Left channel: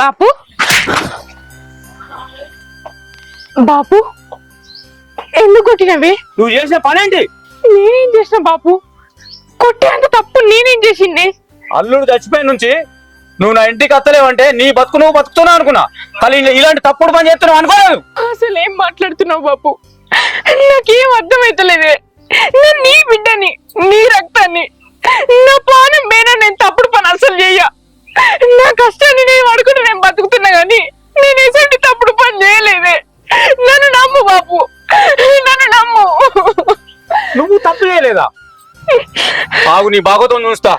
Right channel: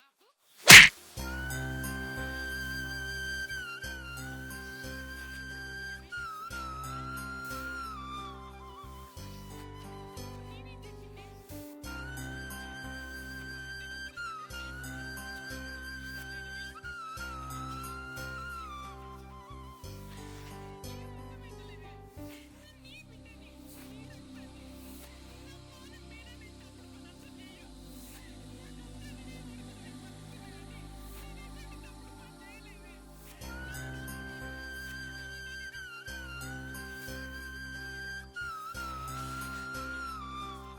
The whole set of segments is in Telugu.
బాపు బాపు ఎందుకు కొట్టినవి? నువ్వు చేసిన పనేంటి? నేనేం చేసిన బాపు? కొట్టేంత తప్పు నేనేం చేసింది? అల్లుడు చచ్చిపోయిన నుంచి నువ్వు నా ఇంటికి అత్తలేవంటే నీ బతుకు నువ్వు బతుకుతున్నావు అనుకున్నా, కానీ ఇలాంటి తప్పుడు పని చేస్తున్నావు అనుకోలేదు. అసలు ఏం మాట్లాడుతున్నావు బాపు? నాకేం అర్థమైతలేదే. నేను నీ బిడ్డని, నీ రక్తాన్ని, నా ప్రాణం పైన నేను తప్పుడు పని అసలు చెయ్య. నా కష్టాన్ని నేను అడుగుతూ నేను బతుకుతున్నా గాని నేను ఎటువంటి తప్పుడు పని చేయలేదే. నన్ను నమ్ము బాపు, నన్ను నమ్ము. నువ్వు తప్పు చేయలేదా? ఆగు, నీ బాగోతం చూస్తా.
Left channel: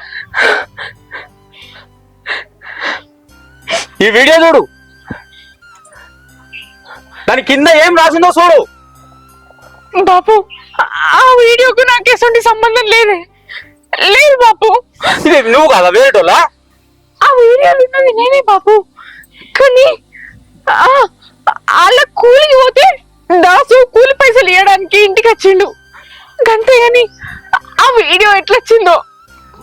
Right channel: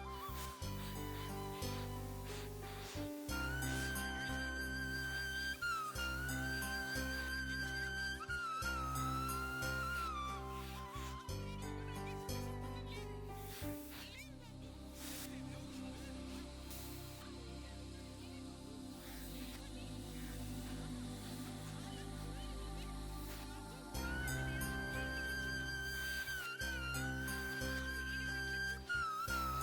ఈ వీడియో చూడు, దాని కింద ఏం రాసిందో చూడు. బాపు ఆ వీడియోకు నాకు ఎటువంటి సంబంధం లేదే. లేదు బాపు. ఇది నువ్వు కదా వేరేటోళ్ళా? ఆ వీడియోలు ఉన్నది నేనే బాపు. కానీ వాళ్ళ కూలికి పోతే దాసు కూలి పైసలు ఇవ్వడానికి ఇంటికి వచ్చిండు అంతేగాని ఆ వీడియో ఎట్లొచ్చిందో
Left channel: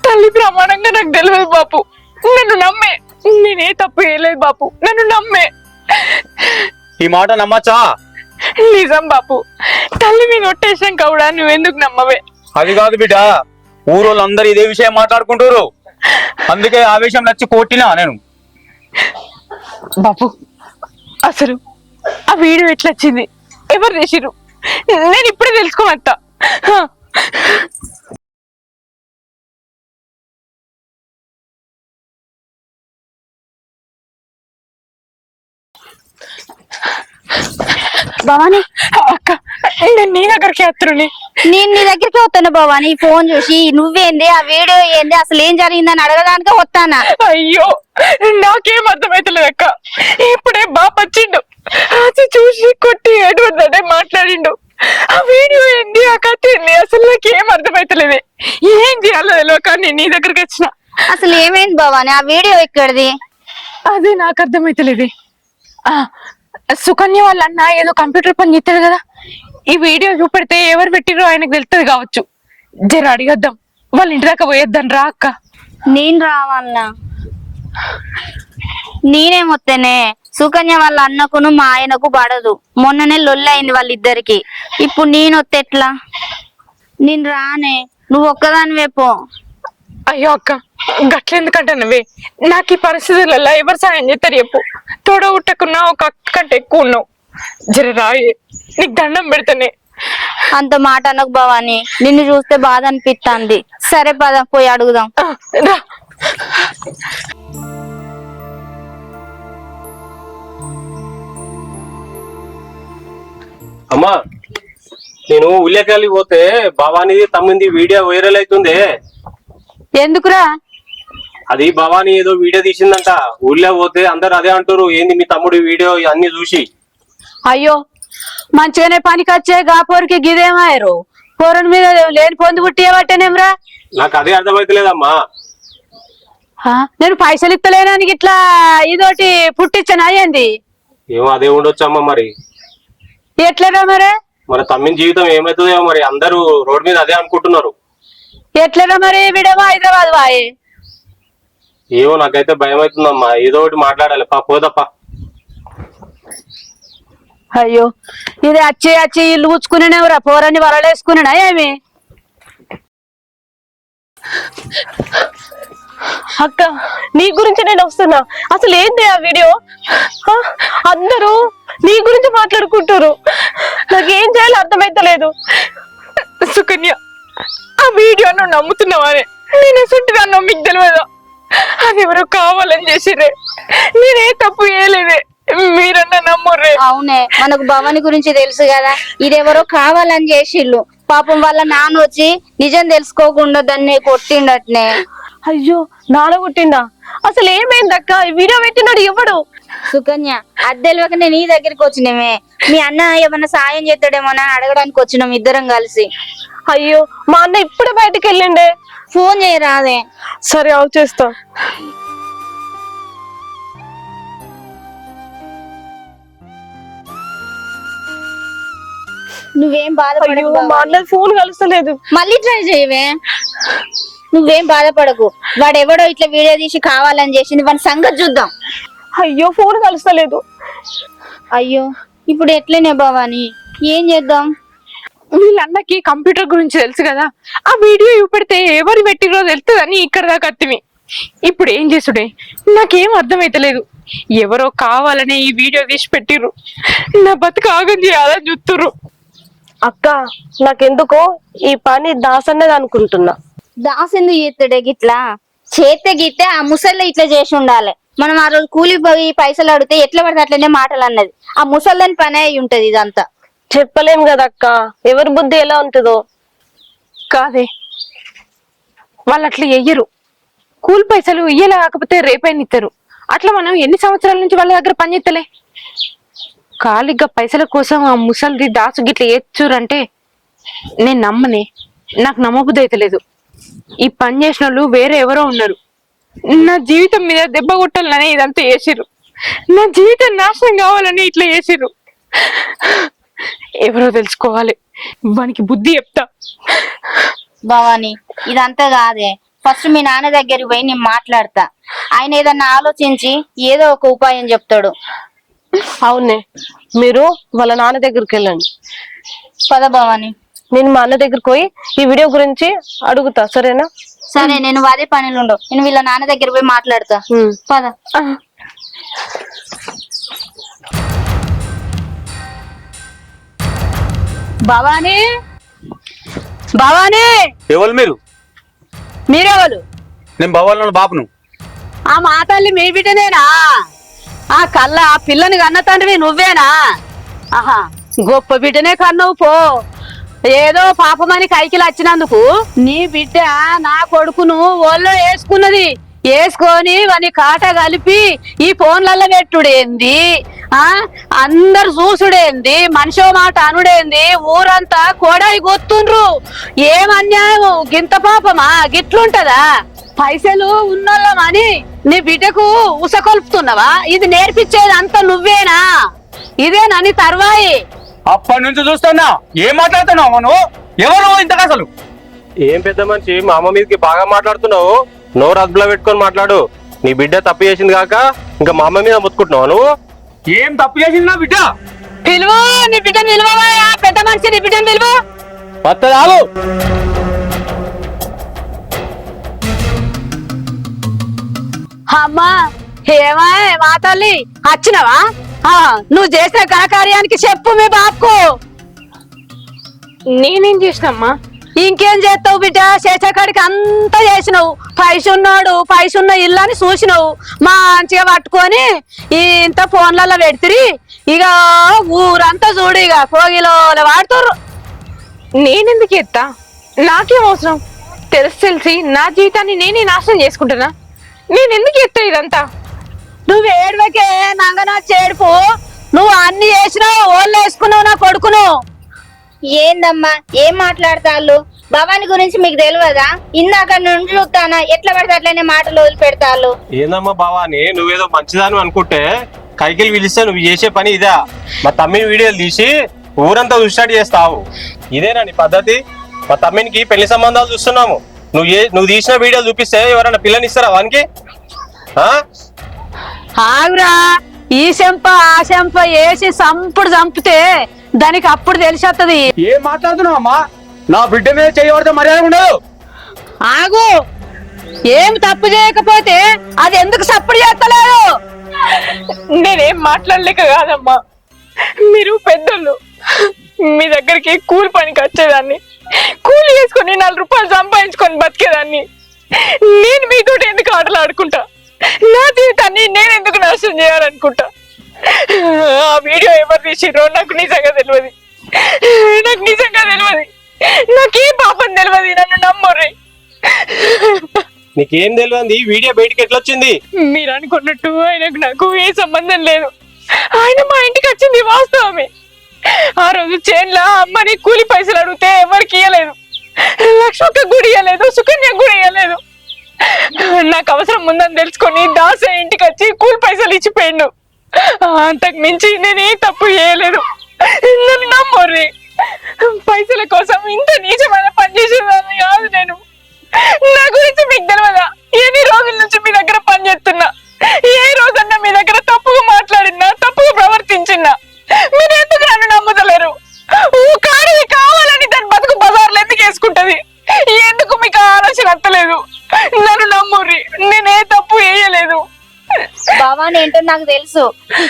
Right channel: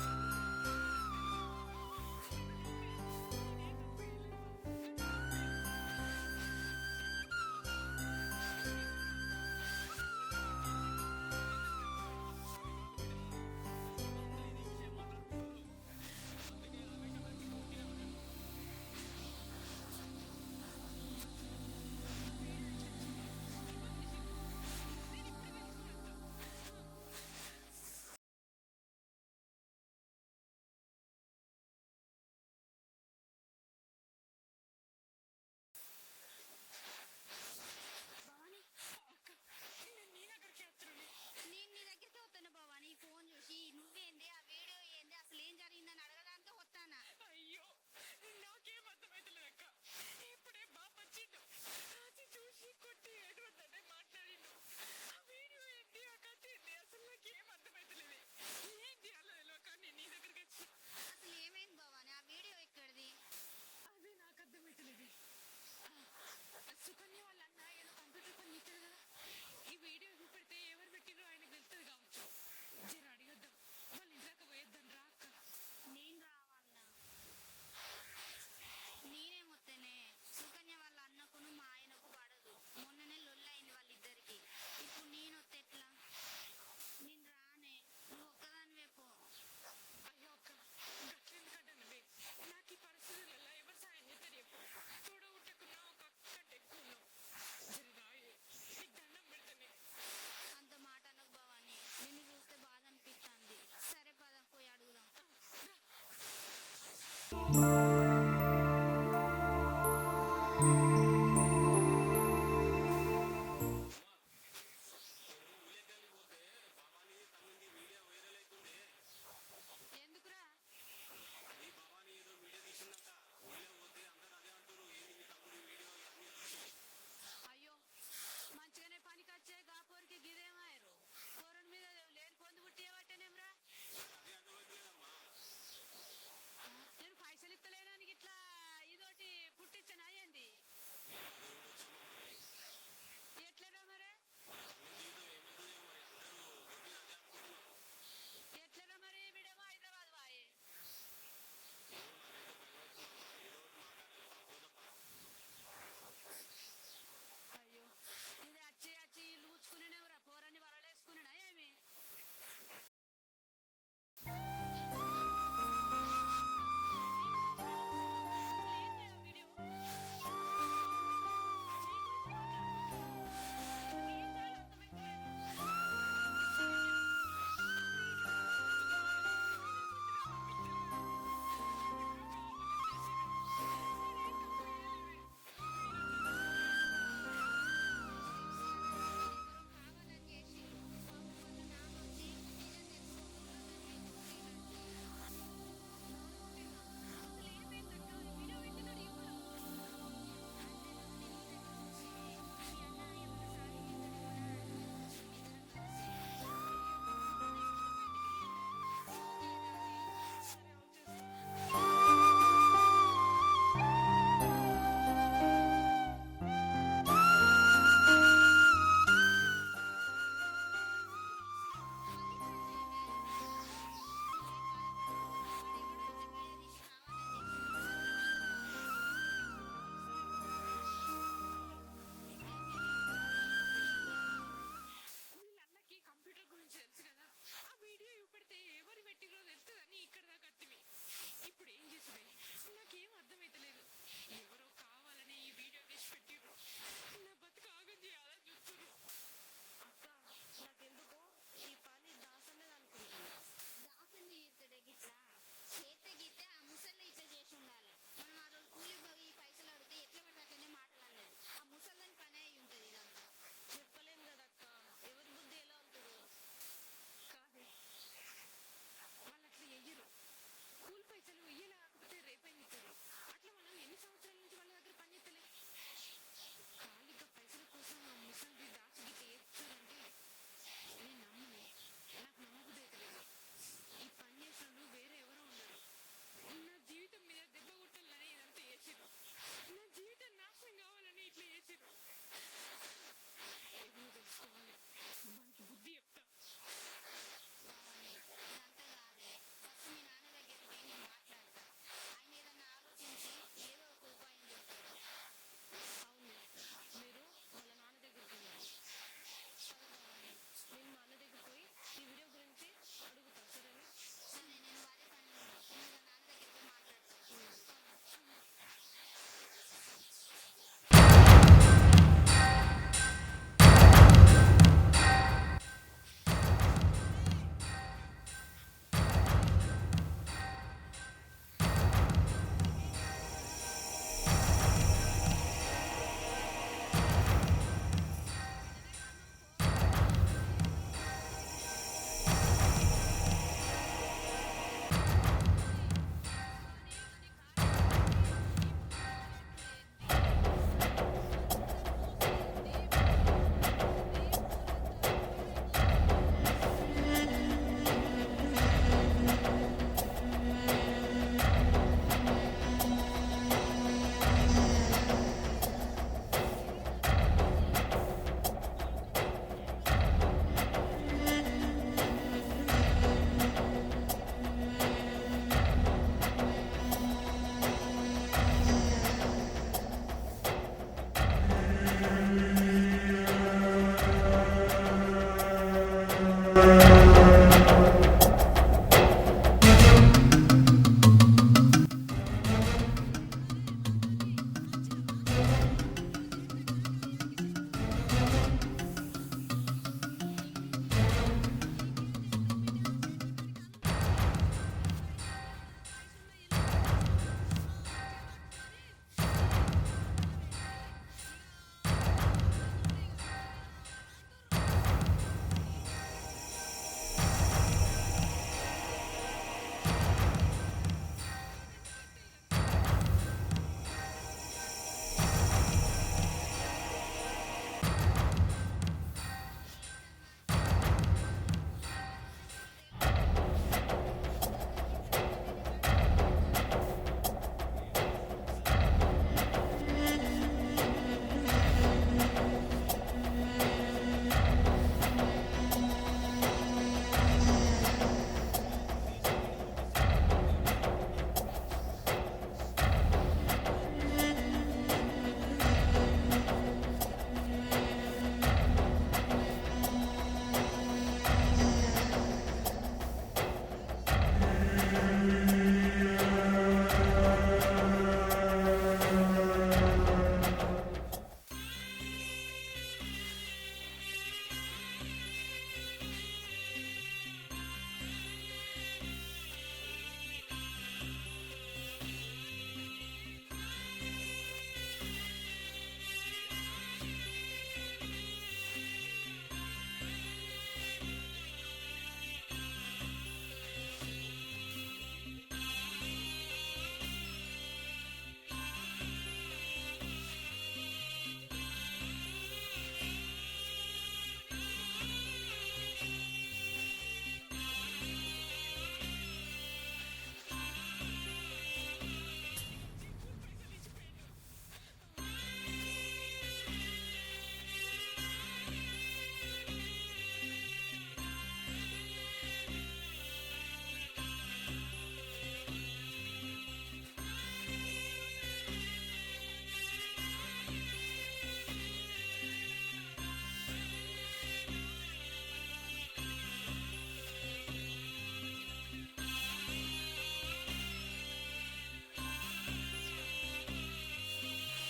తల్లి ప్రమాణంగా నాకు తెలియదు బాపు. నన్ను నమ్మే, నేనే తప్పు చేయలేదు బాపు, నన్ను నమ్మే. ఈ మాట నమ్మచ్చా? నిజం బాపు, తల్లి మీద ఒట్టేసాం కూడా నువ్వెందుకు నమ్మవే? అది కాదు బిడ్డ, ఊరోళ్ళందరూ ఇదే విషయం మాట్లాడుకుంటారు, అందుకే ఆ విషయం నచ్చి కొట్టినా నేను. బాపు అసలు ఆ వీడియో ఎట్లొచ్చింది, ఎవరు చేసిరు, నేను ఇప్పుడే తెలుసుకోవత్తా. భవాని అక్క నేను నీ దగ్గరికి వస్తున్నాను. నేను నీ దగ్గరికి వస్తాను భవాని. ఫోన్ చూసి నువ్వేంది, ఆ వీడియో ఏంది, అసలు ఏం జరిగిందని అడగడానికి వస్తానా? అయ్యో నాకేం అర్థమైతలేదు అక్క. ఇప్పుడే బాప వచ్చిండు, అది చూసి కొట్టి ఎటువంటి మాట్లాడిండు. ఆ వీడియో ఏంది, ఆ కథ ఏంది, అసలు నాకేం అర్థమైతలేదు. ఏం చేయాలో తెలియక నేను నీ దగ్గరికి వచ్చిన. అసలు ఏమైంది భవాని? ఆ వీడియో ఎక్కడిది? అదే నాకు అర్థమైతలేదు. సుకన్య వాళ్ళ అన్న ఏదో కంప్యూటర్ పని చేస్తాడు కదా, ఈ వీడియో చూపెడితే ఎవరు పెట్టిరో ఆయనకు తెలుస్తుంది కావచ్చు. జర అడిగద్దాం, వాళ్ళ ఇంటి దాకా పోయేద్దాం రా అక్క. నేను రావాలనా? నేనేమొత్తేనే, సుకన్య వాళ్ళ అన్నకును మా ఆయనకు పడదు. మొన్ననే లొల్లయింది వాళ్ళిద్దరికి. ఇప్పుడు నేను వస్తే ఎట్లా? నేను రానే, నువ్వు ఒక్కదానివే పో. అయ్యో అక్క గట్లెందుకంటే నువ్వే, నాకు ఈ పరిస్థితులలో ఎవరు సాయం చేస్తారు చెప్పు? తోడగుట్టకున్నా ఒక అక్క కంటే ఎక్కువ ఉన్నావు. జర రాయే, నీకు దండం పెడతానే. అంత మాట అనకు భవాని, నిన్ను చూస్తే బాధ అనిపిస్తుంది. సరే పద పోయి అడుగుదాం. రా. అమ్మా, నేను ఉల్లేకాయలు పోతే భవానీ తమ్మింది వీడియో వైరల్ అవుతుంది. ఎందుకురా? అది భవానీ ఏదో వీడియో తీసిందంట. ఊళ్ళో పోతే అందరు అదే అంటారు, ఏంది మీ తమ్ముడు వీడియో అన్ని చూసి. అయ్యో మంచిగానే పనికి వచ్చే గాపోరికి గిదేమాయరు, పోరని మీద లేని పొందు పుట్టియబట్టేనేమ్రా. నాకు అదే అర్థమైతలేదమ్మా. నేను పైసలు ఇస్తలేనానికి ఇట్లా ఇదోటి పుట్టించాను అయ్యింది. ఏమో అదే ఉండొచ్చమ్మా. మరి ఎట్లరా మరి? మన తమ్మిన జీవితం ఏమవుతుందేమో మరి. అందరూ రోడ్ మీద అదే అనుకుంటున్నారు. ఎట్లరా మరి? వీడేమో హైదరాబాద్ వాయి. ఏమో నాకైతే భయం అవుతుందమ్మా. ఏదో ఒకటి మాట్లాడాలి. పోదప్పా. అయ్యో ఇది వచ్చి ఇల్లు కూర్చుకునేవరా, పోరని వరలేసుకున్నా ఏమి? అక్క నీ గురించి నేను వస్తున్నా. అసలు ఏంటి ఆ వీడియో? అందరూ నీ గురించి మాట్లాడుకుంటారు, నాకేం చేయాలో అర్థమైతలేదు. సుకన్య ఆ వీడియో నువ్వు నమ్ముతున్నావనే, నేను ఎసుంటిదా మీకు తెలియదా? అది ఎవరో కావాలని చేసిరే, నేనే తప్పు చేయలేదే, మీరన్నా నమ్ముర్రే. అవునే, మనకు భవాని గురించి తెలుసు కదా, ఇదెవరో కావాలని చేసిళ్ళు. పాపం వాళ్ళ నాన్న వచ్చి నిజం తెలుసుకోకుండా దాన్ని కొట్టిండట్నే. అయ్యో నాన్న కొట్టిండా? అసలు ఏమైందక్క? ఈ వీడియో పెట్టినాడు ఎవడు? సుకన్య అద్దెలవకనే నీ దగ్గరికి వచ్చినమే. మీ అన్న ఏమన్నా సాయం చేస్తాడేమోనా అడగడానికి వచ్చినాం ఇద్దరం కలిసి. అయ్యో మా అన్న ఇప్పుడే బయటకు వెళ్ళిండే. ఫోన్ చేయరాదే? సరే అవు చేస్తా. నువ్వేం బాధపడకు. మా అన్న ఫోన్ కలుస్తలేదు. మళ్ళీ ట్రై చేయవే. నువ్వేం బాధపడకు. వాడెవడో ఇట్లా వీడియో తీసి కావాలని చేసింది, వాడి సంగతి చూద్దాం. అయ్యో ఫోన్ కలుస్తలేదు. అయ్యో ఇప్పుడు ఎట్లనే భవాని, ఏం చేద్దాం? వీళ్ళన్నకి కంప్యూటర్ గురించి తెలుసు కదా, ఆ వీడియో చూపెడితే ఎవరు పెట్టిరో తెలుస్తుందని ఇక్కడ దాకా అత్తిమి. ఇప్పుడు ఏం చేసుడే నాకేం అర్థమైతలేదు. ఎవరో కావాలనే ఈ వీడియో తీసి పెట్టిర్రు, నా బతుకు ఆగం చేయాలని చూస్తుర్రు. అక్క నాకెందుకో ఈ పని దాసన్నది అనుకుంటున్నా. దాస్ ఎందుకు చేస్తాడే గిట్లా? చేస్తే గిట్టే ఆ ముసల్లో ఇట్లా చేసి ఉండాలి. మనం ఆ రోజు కూలి పోయి పైసలు అడిగితే ఎట్లా పడితే అట్లనే మాటలు అన్నది. ఆ ముసల్లని పని అయి ఉంటది ఇదంతా. చెప్పలేం కదా అక్క, ఎవరి బుద్ధి ఎలా ఉంటుందో. కాదే వాళ్ళు అట్లా ఎయ్యరు. కూలి పైసలు ఇయ్యలే కాకపోతే రేపైనా ఇస్తారు. అట్లా మనం ఎన్ని సంవత్సరాల నుంచి వాళ్ళ దగ్గర పని చేస్తలే. ఖాళీగా పైసల కోసం ఆ ముసలిది దాసు గిట్ల ఏచురంటే నేను నమ్మనే. నాకు నమ్మబుద్ధి అయితలేదు. ఈ పని చేసిన వాళ్ళు వేరే ఎవరో ఉన్నారు. నా జీవితం మీద దెబ్బ కొట్టాలని ఇదంతా చేసిర్రు. నా జీవితం నాశనం కావాలని ఇట్లా చేసిర్రు. ఎవరో తెలుసుకోవాలి, వానికి బుద్ధి చెప్తా. భవాని ఇదంతా కాదే, ఫస్ట్ మీ నాన్న దగ్గరికి పోయి నేను మాట్లాడతా. ఆయన ఏదన్నా ఆలోచించి ఏదో ఒక ఉపాయం చెప్తాడు. అవునే, మీరు వాళ్ళ నాన్న దగ్గరికి వెళ్ళండి. పద భవాని. నేను మా అన్న దగ్గరికి పోయి ఈ వీడియో గురించి అడుగుతా, సరేనా? సరే, నేను అదే పనిలో ఉండవు, నేను వీళ్ళ నాన్న దగ్గర పోయి మాట్లాడతా. పద. భవానీ, భవానీ, ఎవరు మీరు? మీరెవరు? నేను భవాల బాబును. ఆ మా తల్లి మీ బిడ్డనేనా? ఆ కళ్ళ ఆ పిల్లని కన్న తండ్రివి నువ్వేనా? ఆహా, గొప్ప బిడ్డనే కన్నావు పో. ఏదో పాపమని కైకిలు వచ్చినందుకు నీ బిడ్డ నా కొడుకును ఒళ్ళో వేసుకున్నది. వేసుకొని వాని కాట కలిపి ఈ ఫోన్లలో పెట్టుడేంది, అందరు చూసుడేంది, మనిషో మాట అనుడేంది, ఊరంతా కోడాయి గొత్తుండ్రు. ఏం అన్యాయం, గింత పాపమా? గిట్లుంటదా? పైసలు ఉన్నోళ్ళమని నీ బిడ్డకు ఉసకొల్పుతున్నావా? ఇది నేర్పించేది అంతా నువ్వేనా? ఇదేనా నీ తర్వాయి? అప్పటి నుంచి చూస్తున్నా. ఏం మాట్లాడుతున్నావు నువ్వు? ఎవరు ఇంతకు అసలు? ఏం పెద్ద మనిషి, మా అమ్మ మీదకి బాగా మాట్లాడుతున్నావు. నోరు అదుపులో పెట్టుకొని మాట్లాడు. నీ బిడ్డ తప్పు చేసింది కాక ఇంకా మా అమ్మ మీద ముత్తుకుంటున్నావు నువ్వు. ఏం తప్పు చేసింది నా బిడ్డ? పిలువు, నీ బిడ్డను పిలువవా? పెద్ద మనిషి నీ బిడ్డను పిలువు. పత్తదాగు. అమ్మా, ఏమా మా తల్లి వచ్చినవా? నువ్వు చేసిన ఘనకార్యానికి చెప్పు మీ బాబుకు. నేనేం చేసినమ్మా? ఇంకేం చేస్తావు బిడ్డ? చేసేకాడికి అంతా చేసినావు. పైస ఉన్న ఇల్లు అని చూసినావు. మంచిగా పట్టుకొని ఇంత ఫోన్లలో పెడితిరి. ఇక ఊరంతా చూడు, ఇక కోగిలో వాడుతుర్రు. నేనెందుకు ఎత్తా? నాకేం అవసరం? తెలిసి నా జీవితాన్ని నేనే నాశనం చేసుకుంటున్నా. నేను ఎందుకు ఎత్తా ఇదంతా? నువ్వు ఏడువకే నంగనా చేడుపు. నువ్వు అన్ని చేసినావు, ఓళ్ళు వేసుకున్నావు నా కొడుకును. ఏందమ్మా ఏం మాట్లాడతాళ్ళు? భవాని గురించి మీకు తెలియదా? ఇందాక నుండి చూస్తానా ఎట్లా పడితే అట్లనే మాటలు వదిలిపెడతాళ్ళు. ఏందమ్మా బావాని, నువ్వేదో మంచిదాను అనుకుంటే కైకిలు పిలిస్తే నువ్వు చేసే పని ఇదా? మా తమ్మిని వీడియోలు తీసి ఊరంతా చూసినట్టు చేస్తావు. ఇదేనా నీ పద్ధతి? మా తమ్మినికి పెళ్లి సంబంధాలు చూస్తున్నాము. నువ్వు తీసిన వీడియోలు చూపిస్తే ఎవరైనా పిల్లని ఇస్తారా వానికి? ఆగురా, ఈ చెంప ఆ చెంప వేసి సంపుడు చంపితే దానికి అప్పుడు తెలిసేత్తది. ఏం మాట్లాడుతున్నావు అమ్మా? నా బిడ్డ మీద చేయబడితే మర్యాద ఉండదు. ఆగు, ఏం తప్పు చేయకపోతే అది ఎందుకు సప్పుడు చేస్తలేదు? నేనేం మాట్లాడలేక కాదమ్మా, మీరు పెద్దోళ్ళు. మీ దగ్గరికి కూలి పనికి వచ్చేదాన్ని, కూలి చేసుకొని 4 రూపాయలు సంపాదించుకొని బతికేదాన్ని. నేను మీతో ఎందుకు ఆటలు ఆడుకుంటా? నా జీవితాన్ని నేను ఎందుకు నాశనం చేయాలనుకుంటా? ఆ వీడియో ఎవరు తీసిర్రో నాకు నిజంగా తెలియదు. నాకేం పాపం తెలియదు. నన్ను నమ్మరు. నీకేం తెలియదు? వీడియో బయటికి ఎట్లా వచ్చింది? మీరు అనుకున్నట్టు ఆయనకు నాకు ఏ సంబంధం లేదు. ఆయన మా ఇంటికి వచ్చింది వాస్తవమే. ఆ రోజు చేన్లో అమ్మని కూలి పైసలు అడిగితే ఎవరికి ఇయ్యలేదు. లక్ష్మక్క గుడి ఇయ్యలేదు, సుకన్య గుడి ఇయ్యలేదు. నాకు అవసరం ఉందని తెలుసుకొని దాసే ఇంటికి వచ్చి కూలి పైసలు ఇచ్చిపోయిండు. అంతకు మించి నేనే తప్పు చేయలేదు. నన్ను నమ్మర్రి. పైసల కోసం ఇంత నీచమైన పని చేసేదాన్ని కాదు నేను. నా గురించి మీకు తెలియదా? ఎన్ని రోజుల నుంచి మీ దగ్గర పని చేస్తున్నా. ఏ రోజన్నా మీ దగ్గర భవాని ఏంటో నాకు తెలుసు.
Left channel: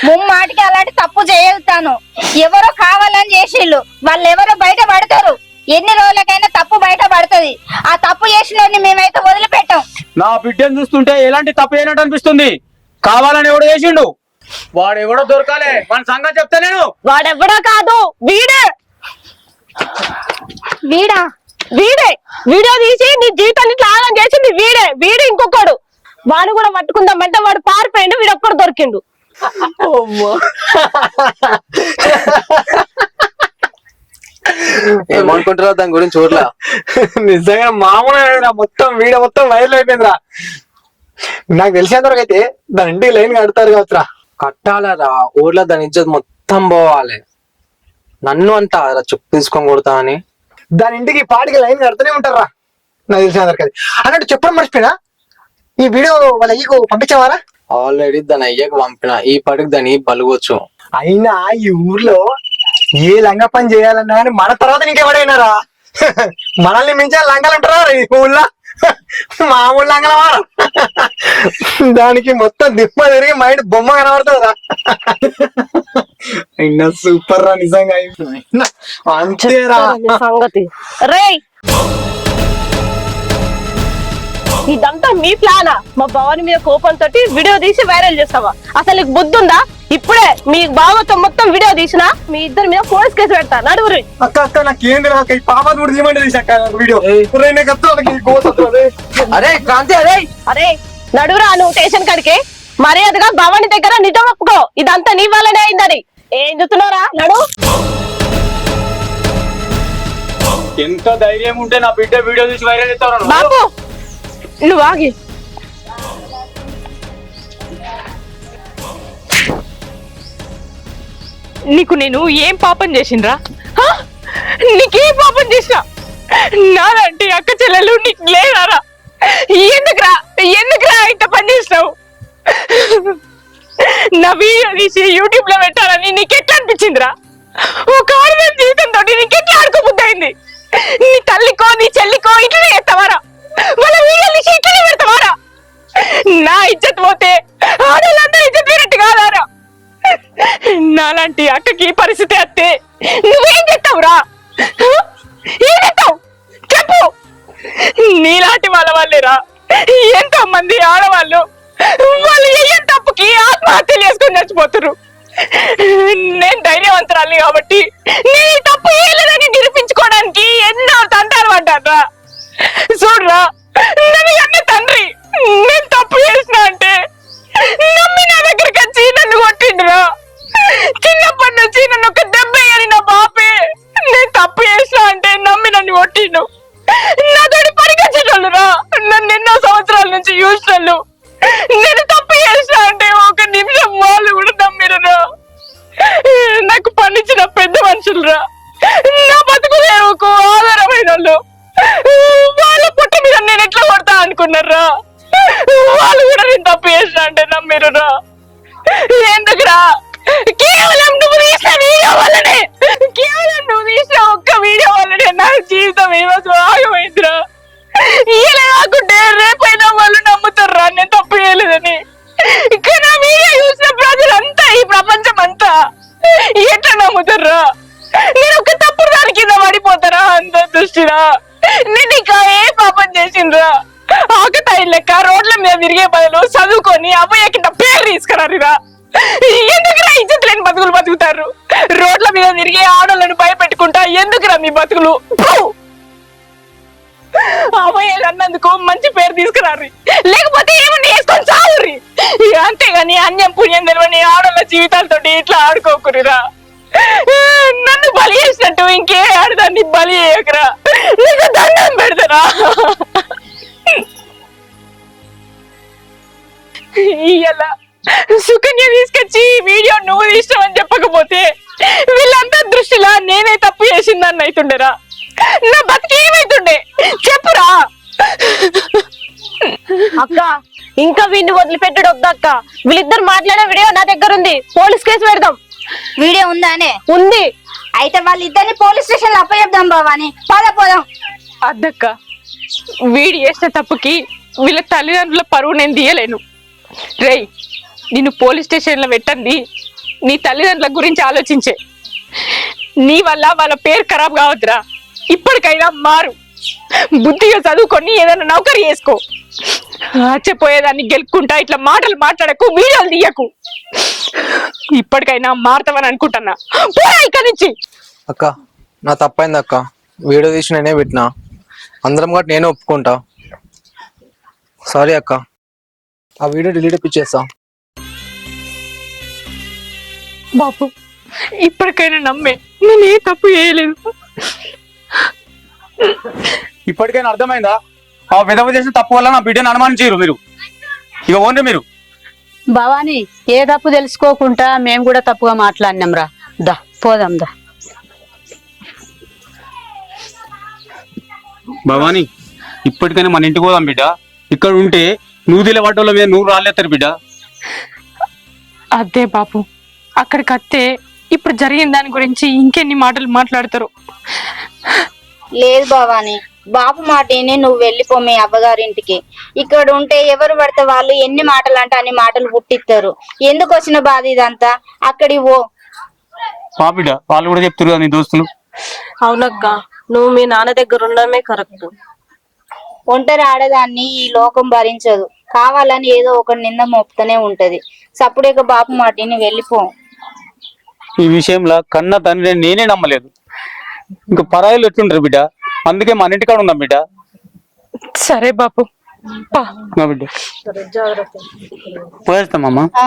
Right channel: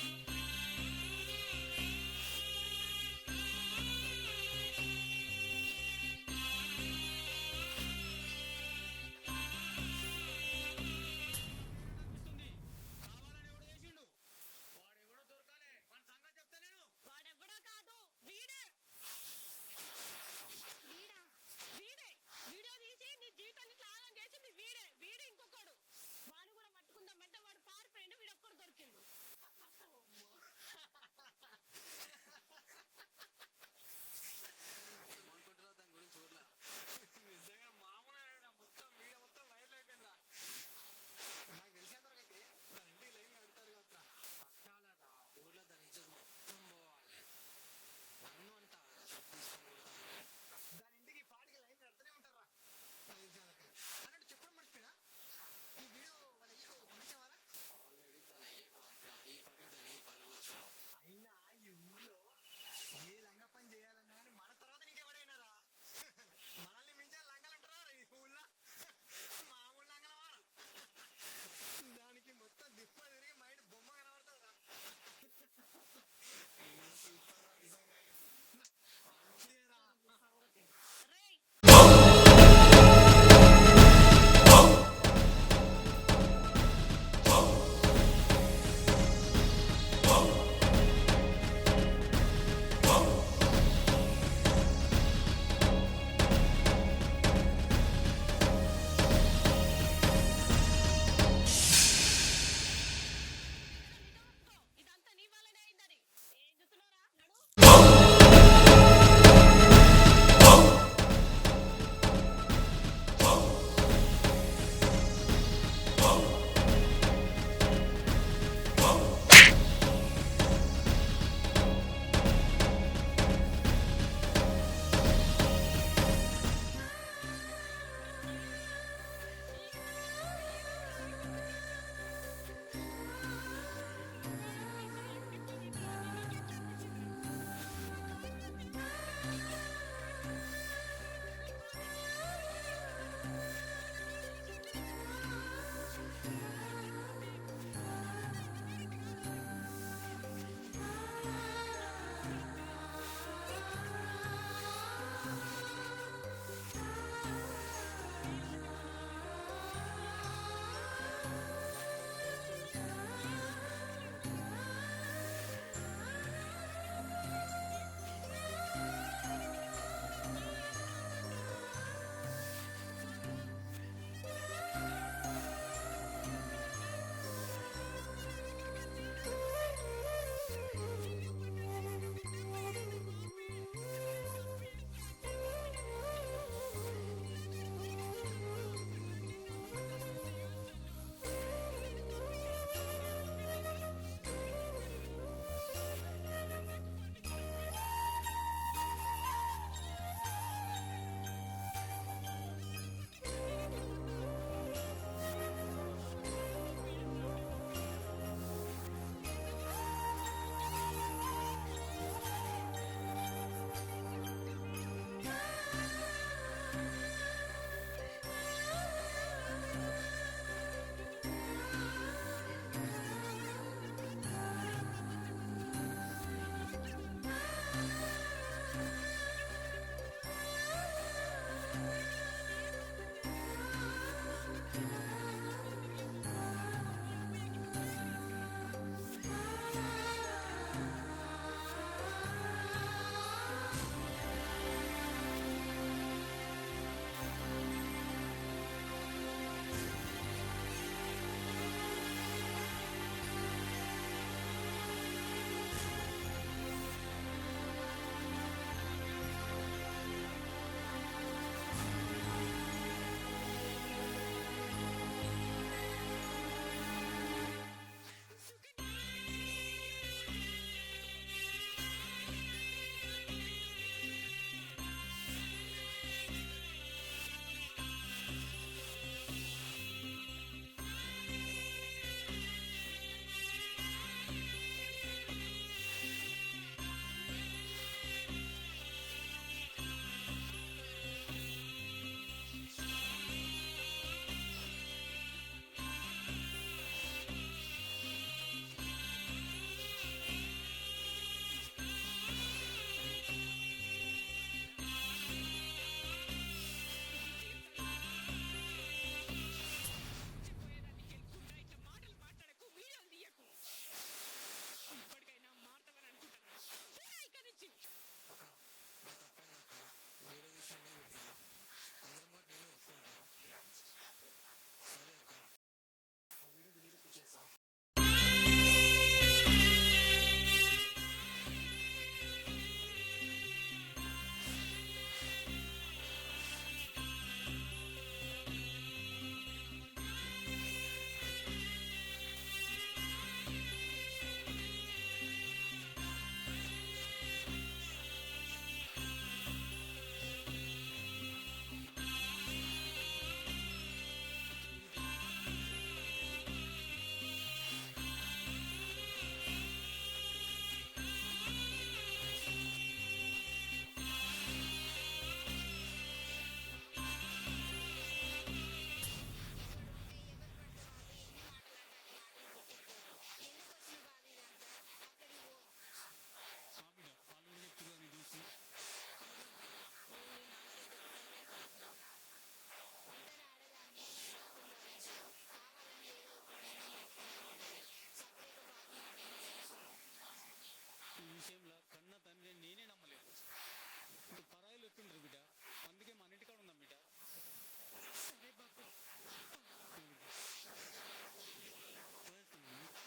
ముమ్మాటికి అలాంటి తప్పు చేయగలుగుతాను. ఎవరో కావాలని చేసిళ్ళు, వాళ్ళు ఎవరో బయట పడతారు. ఎన్ని రోజులకైనా తప్పు బయట పడుతుంది. ఆ తప్పు చేసిన మేమైతే వదిలిపెట్టాం. నా బిడ్డను చూస్తుంటే ఎలాంటి తప్పు అయినట్టు అనిపిస్తుంది. కావాలని ఎవడో చేసిండు, వాడు ఎవడో దొరకాలే. మన సంగతి చెప్తా నేను. వాడెవ్వడా కాదు, వీడే వీడా? వీడే వీడియో తీసి నీ జీవితాన్ని ఇట్లా ఆగం చేసింది వీడే ఇంకొకడు. వాడు కూడా పట్టుకుందామంటే వాడు పారిపోయిండు, వీడు ఒక్కడు దొరికిండు. ఏమనుకుంటారా దాని గురించి చూడలా? నిజంగా మామూలుగా మొత్తం వీడియో మొత్తం వైరల్ అయిపోయిందిరా. నాకు తెలిసేంతవరకు అయితే దాని ఇంటికి లైన్ కడతారు కావచ్చురా. కట్టాలరా, ఊర్లో దాని ఇజ్జత్ మొత్తం పోవాలి. నన్ను అంటారా చెప్పు తీసుకొని కొడతా అని? దాని ఇంటికి పాటికి లైన్ కడుతూనే ఉంటారా. నాకు తెలిసేంతవరకు అది అన్నట్టు చెప్పడం మర్చిపోయినా, ఈ వీడియో వాళ్ళ అయ్యకు పంపించావారా? ఆల్రెడీ దాని అయ్యకు పంపిన. ఈ పాటికి దాన్ని బలుగొచ్చు. అయినా ఈ ఊర్లో ఏ లంగ పని చేయాలన్నా కానీ మన తర్వాత నీకెవడైనారా? మనల్ని మించే లంగలు ఉంటారా ఈ ఊళ్ళో? మామూలు లంగల వారా. దానికి మొత్తం దిమ్మ తిరిగి మైండ్ బొమ్మ కనబడుతుందిరా. అయినా సూపర్ రా నిజంగా. అంతేరా సంగతి. రే ఇదంతా మీ ప్లానా? మా భవాని మీద కోపంతో వీడియో తీసి వైరల్ చేస్తావా? అసలు నీకు బుద్ధి ఉందా? ఇప్పుడే మీ బావతో మొత్తం వీడియో తీసినా మీ ఇద్దరి మీద పోలీస్ కేసు పెడతా. నడువురి. అక్క నాకేంది నాకు ఈ పాప కూడా తీయమంటే తీసాక వీడియో. అరే క్రాంతి, అరే అరే నడువురా నువ్వు స్టేషన్ కాడికి. మర్యాదగా భవాని దగ్గర నిజం ఒప్పుకో, ఇదంతా నీ వల్లనే అయిందని. ఏం చూస్తున్నారా? నడు. ఎంత ధైర్యం ఉంటే నా బిడ్డ వీడియో తీసి వైరల్ చేస్తావు? బాబు నువ్వు ఆగి. నీకు నేను ఏం పాపం చేసిండ్రా? నీకేం పాపం చేసినా? నాలాంటి అక్క చెల్లెలు నీకు లేదారా? ఎందుకురా ఇంత పని చేసినావు? నా వీడియో తీసి యూట్యూబ్ లో పెట్టాలని నీకెట్లా అనిపించిందిరా? ఒక ఆడదాని జీవితంతో నీకెట్లా ఆడుకోబుద్దయింది? నీ తల్లికో నీ చెల్లికో ఇట్లనే చేస్తావారా? వాళ్ళ వీడియోలు తీసి ఇట్లనే పెడతావారా? నా ఇజ్జత్ పోతే ఆడవాళ్ళందరూ ఇజ్జత్ పోయినట్టు కాదారా? నాలాంటి అక్కకి పరిస్థితి వస్తే నువ్వేం చేస్తావురా? ఏం చేస్తావు చెప్పు. నీలాంటి వాళ్ళ వాళ్ళేరా ఎంతో మంది ఆడవాళ్ళు వాళ్ళు ఏ తప్పుకి ఆత్మహత్యలు చేసుకొని చచ్చిపోతున్నారు. నేను ధైర్యవంతురాలి కాబట్టి నేను ఈ తప్పు ఏలేదని నిరూపించుకోవడానికి ఎన్నో తంటాలు పడ్డారా. చూడరా, నన్ను అన్న తండ్రి నేను తప్పు చేసిన అంటే నమ్మి నా దగ్గరికి వచ్చి నన్ను కొట్టిండురా. చిన్నప్పటి నుంచి నన్ను ఒక దెబ్బ అని నా బాపే నేను తప్పు చేసిన అంటే నమ్మి నన్ను కొట్టిండు. నాతోటి పరిగెచ్చేటోళ్ళురా, నన్ను ఎన్నో సంవత్సరాల నుంచి చూసినోళ్ళు. నేను తప్పు చేసిన అంటే ఒక నిమిషం వాళ్ళు కూడా నమ్మిరురా. నాకు పండించిన పెద్ద మనుషులురా, నా బతుకులేకు ఆధారమైన వాళ్ళు. వాళ్ళ పుట్ట మీద నేను ఎట్లా కొడతా అనుకున్నారా? వాళ్ళు కూడా నేను తప్పు చేసిన అంటే నమ్మిరురా. ఎందుకురా? కేవలం నువ్వు తీసిన వీడియో వల్లనే, కేవలం నువ్వు తీసిన ఒక్క వీడియో వల్లనే నా జీవితం ఏమో ఆగమైందిరా. ఇలా కాకుంటే రేపైనా వాళ్ళు నమ్ముతారా నేను తప్పు చేయలేదని. ఇక్కడ నా వీడియో చూసిన ప్రజలంతా, ఈ ప్రపంచం అంతా ఎట్లా నమ్ముతారా? నేను ఒక తప్పుడు దాని కింద పడిపోతారా? అంత దృష్టిరా నేను ఇంకా ఏ పాపం చేసిండ్రా? ఆకతాయి లెక్క రోడ్ల మీద తిరిగే బదులు చదువుకొని అబ్బాయి కింద పేరు తీసుకురారిరా. ఎందుకురా ఇజ్జత్ లేని బతుకులు బతుకుతారు? రోడ్ల మీద తిరిగే ఆడోళ్ళని భయపెట్టుకుంటా ఎందుకురా మీ బతుకులు? అబ్బాయి అన్నందుకు మంచి పేరు తీసుకురారు, లేకపోతే ఏమన్నా వేసుకొని చావుర్రి. అంతేగాని అన్యం పుణ్యం తెలియని ఆడోళ్ళ జీవితాలతో ఇట్లా ఆడుకోకురిరా. నన్ను బలి చేసినట్టు ఇంకే ఆడదాన్ని బలి చేయకురా. నీకు దండం పెడతారా? ఇయ్యాల సుకన్య తీసుకొచ్చి వీడియో నువ్వు తీసినావని చెప్పకపోతే వీళ్ళంతా దృష్టిలో నేనే తప్పు చేసిందని అవుతుండేరా. నా బతికి ఏమైతుండే చెప్పురా. అక్క ఇంకా వీడిని వదిలిపెట్టడు వద్దు అక్క. వీళ్ళిద్దరు మాట్లాడే వీడియో నా దగ్గర ఉంది, పోలీస్ కేసు పెడదాం. వీడియో ఉందానే? ఉంది. అయితే వాళ్ళిద్దరిని పోలీస్ స్టేషన్ లో అప్పచెప్దాం భవాని. పోదాం. అద్దక్క, వీడి చేసిన తప్పుకి వీళ్ళ తల్లిదండ్రుల పరువు నేను తీయలేను. రేయ్ నిన్ను పోలీస్ స్టేషన్ లో పెట్టండి నీ తల్లిదండ్రుల గురించి ఆలోచించే. నీ వల్ల వాళ్ళ పేరు ఖరాబ్ కావద్దురా. ఇప్పటికైనా మారు, బుద్ధిగా చదువుకొని ఏదైనా నౌకరీ చేసుకో. చెప్పోయేదాన్ని గెలుపుకుంటా ఇట్లా మాటలు మాట్లాడకు, వీడియోలు తీయకు. ఇప్పటికైనా మారుతావని అనుకుంటున్నా. పోరా ఇక్కడి నుంచి. అక్క నా తప్పైంది అక్క, వీడియో తీసి నేనే పెట్టినా, అందరం కూడా నేనే ఒప్పుకుంటా. సారీ అక్క, ఆ వీడియో డిలీట్ ఇప్పించేస్తా. బాబు ఇప్పటికైనా నమ్మే, నేను ఏ తప్పు చేయలేదు. ఇప్పటికైనా అర్థమైందా? ఆ విధవ చేసిన తప్పు వల్ల నా బిడ్డను అనుమానించారు మీరు. ఇక ఓన్రి మీరు. భవాని ఏ తప్పు తెలుసుకోకుండా మేము కూడా తప్పుగా మాట్లాడినాం రా. దా పోదాం దా. భవాని ఇప్పటికైనా మన ఇంటికి పోదాం బిడ్డ. ఇక్కడ ఉంటే నువ్వు దిలే వాటోళ్ళ మీద నువ్వు రాలేస్తారు బిడ్డ. అదే బాబు, అక్కడికి వస్తే ఇప్పుడు జరిగిన దాని గురించి ఇంకెన్ని మాటలు మాట్లాడతారు. లేదు భవాని, బాపు మాటని నువ్వు వెళ్ళిపో మీ అవ్వగారింటికి. ఇక్కడ ఉంటే ఎవరు పడితే వాళ్ళు ఎన్ని మాటలు అంటే అన్ని మాటలు పుట్టిస్తారు. ఎందుకు వచ్చిన బాధ ఇదంతా? అక్కడి పో. మా బిడ్డ వాళ్ళు కూడా చెప్తారు నీ దోస్తులు. అవునక్క, నువ్వు మీ నాన్న దగ్గర ఉండడమే కరెక్ట్. ఒంటరి ఆడదాన్ని ఈ లోకం భరించదు. కావాలని ఏదో ఒక నింద మోపుతూనే ఉంటది. సప్పుడేక బాపు మాటని వెళ్ళిపో. ఈ విషయంలో కన్న తండ్రి నేనే నమ్మలేదు, ఇంకా పరాయిలు ఎట్లుంటారు బిడ్డ. అందుకే మన ఇంటికాడ ఉందాం బిడ్డ. సరే బాపు, మా బిడ్డ పోయేస్తామమ్మా. ఆ.